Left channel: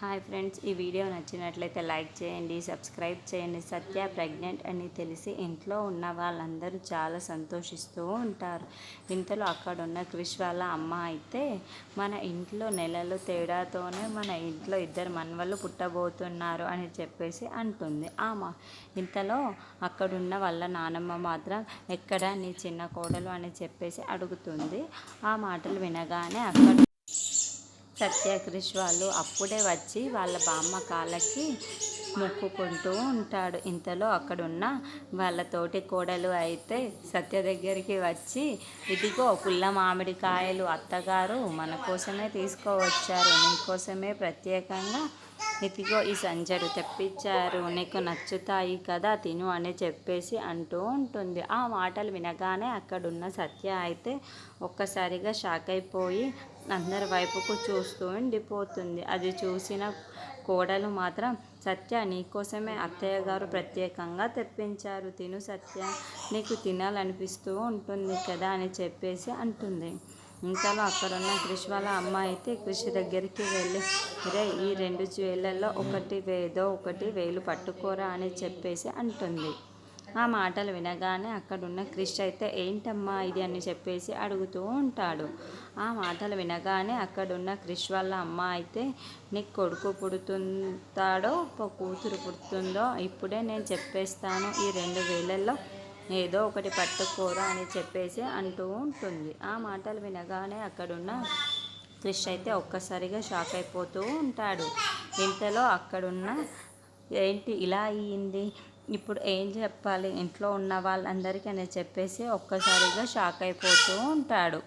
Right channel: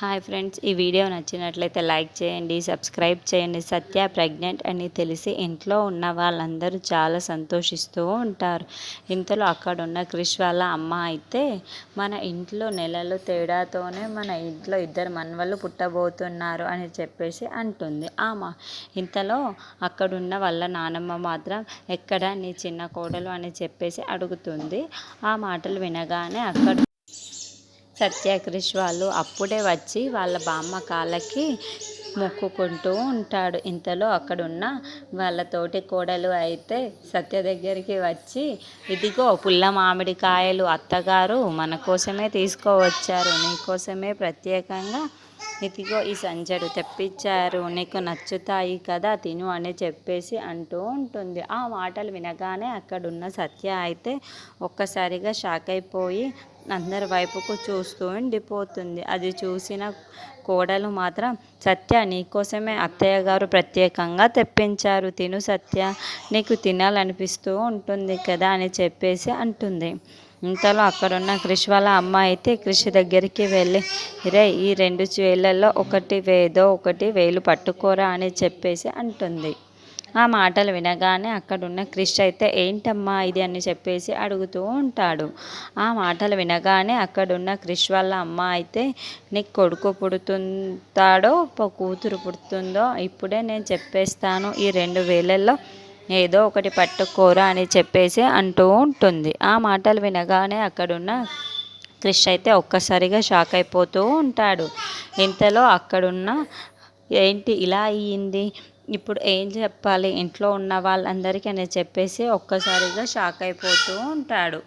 Hi friends, ఈ video నచ్చినట్లయితే like చేయండి, సబ్స్క్రైబ్ చేయండి. సత్య ప్రెగ్నెంట్ అని తెలిసి ఇంట్లో ఉన్న వాళ్ళందరూ చాలా సంతోషిస్తూ ఉంటారు. ఇంతలో అక్కడున్న క్రిష్ వాళ్ళ అమ్మ అయితే మన ఇంట్లో నెలలు తేడాతోనే మన ఇంట్లో ఇద్దరు మనవళ్ళు పుట్టబోతున్నారు అని చెప్పేసి అంటుంది. ఇంతలో అక్కడున్న వాళ్ళ నానమ్మ మాత్రం ఎక్కడ నీ చిన్న కోడలు అని చెప్పేసి అడుగుతుంది. ఆ మాటలు వినగానే అక్కడ సత్య క్రిష్ వాళ్ళు అప్పుడే వచ్చి వాళ్ళ బామ్మ కాళ్ళకి మొక్కుకుంటూ ఉంటాడు. ఇంతలో అక్కడున్న వాళ్ళ తోటి కోడలు అయితే సత్య దగ్గరికి వచ్చి, ఇదిగో పుల్ల మామిడికాయలు అత్తగారు మన కోసమే తీసుకువచ్చారు, నీకోసమే ప్రత్యేకంగా ఇదిగో ఈ సంచడు తెప్పించారు, నీకు నచ్చుతాయి కదా, తిను అని చెప్పేసి అంటూ ఉంటుంది. ఆ మాటలు వినగానే అక్కడున్న సత్య అయితే ఒక్కసారిగా షాక్ అయిపోయి అందరి వైపుకు చూస్తూ ఉండిపోతుంది. అది చూసిన కోడలు మాత్రం, సత్య నీకోసమే అత్తయ్య గారు ప్రత్యేకంగా తెప్పించారు, తిను సత్య, నీకు తినాలనిపిస్తూ ఉంటుంది కదా అని చెప్పేసి అంటుంది. ఇంతలో అక్కడున్న క్రిష్ వాళ్ళ అమ్మ అయితే క్రిష్ దగ్గరికి వెళ్ళి, ఈ 2 వేళ్ళల్లో ఒకటి వేలు పట్టుకోరా అని చెప్పేసి అంటుంది. ఆ మాటలు వినగానే అక్కడున్న క్రిష్ అయితే ఏంటమ్మా ఇది అని చెప్పేసి అడుగుతూ ఉంటాడు. ఆ మాటలు వినగానే అక్కడున్న క్రిష్ వాళ్ళ అమ్మ అయితే, నీకు కొడుకు పుడుతుంటాడో కూతురు పుడుతుందో ఇప్పుడే నేను చెప్పేస్తాను, ఈ 2 వేలల్లో ఏదో ఒకటి పట్టుకోరా అని చెప్పేసి అంటూ ఉంటుంది. ఆ మాటలు వినగానే అక్కడున్న క్రిష్ అయితే ఒక్కసారిగా షాక్ అయిపోతూ ఉంటాడు. ఇంతలో అక్కడున్న ఏంటి ఇలా అయ్యింది, ఇప్పుడు ఏం చెప్పాలి ఇంట్లో ఉన్న వాళ్ళందరికీ అని చెప్పేసి ఒక్కసారిగా షాక్ అయిపోతూ ఉంటాడు.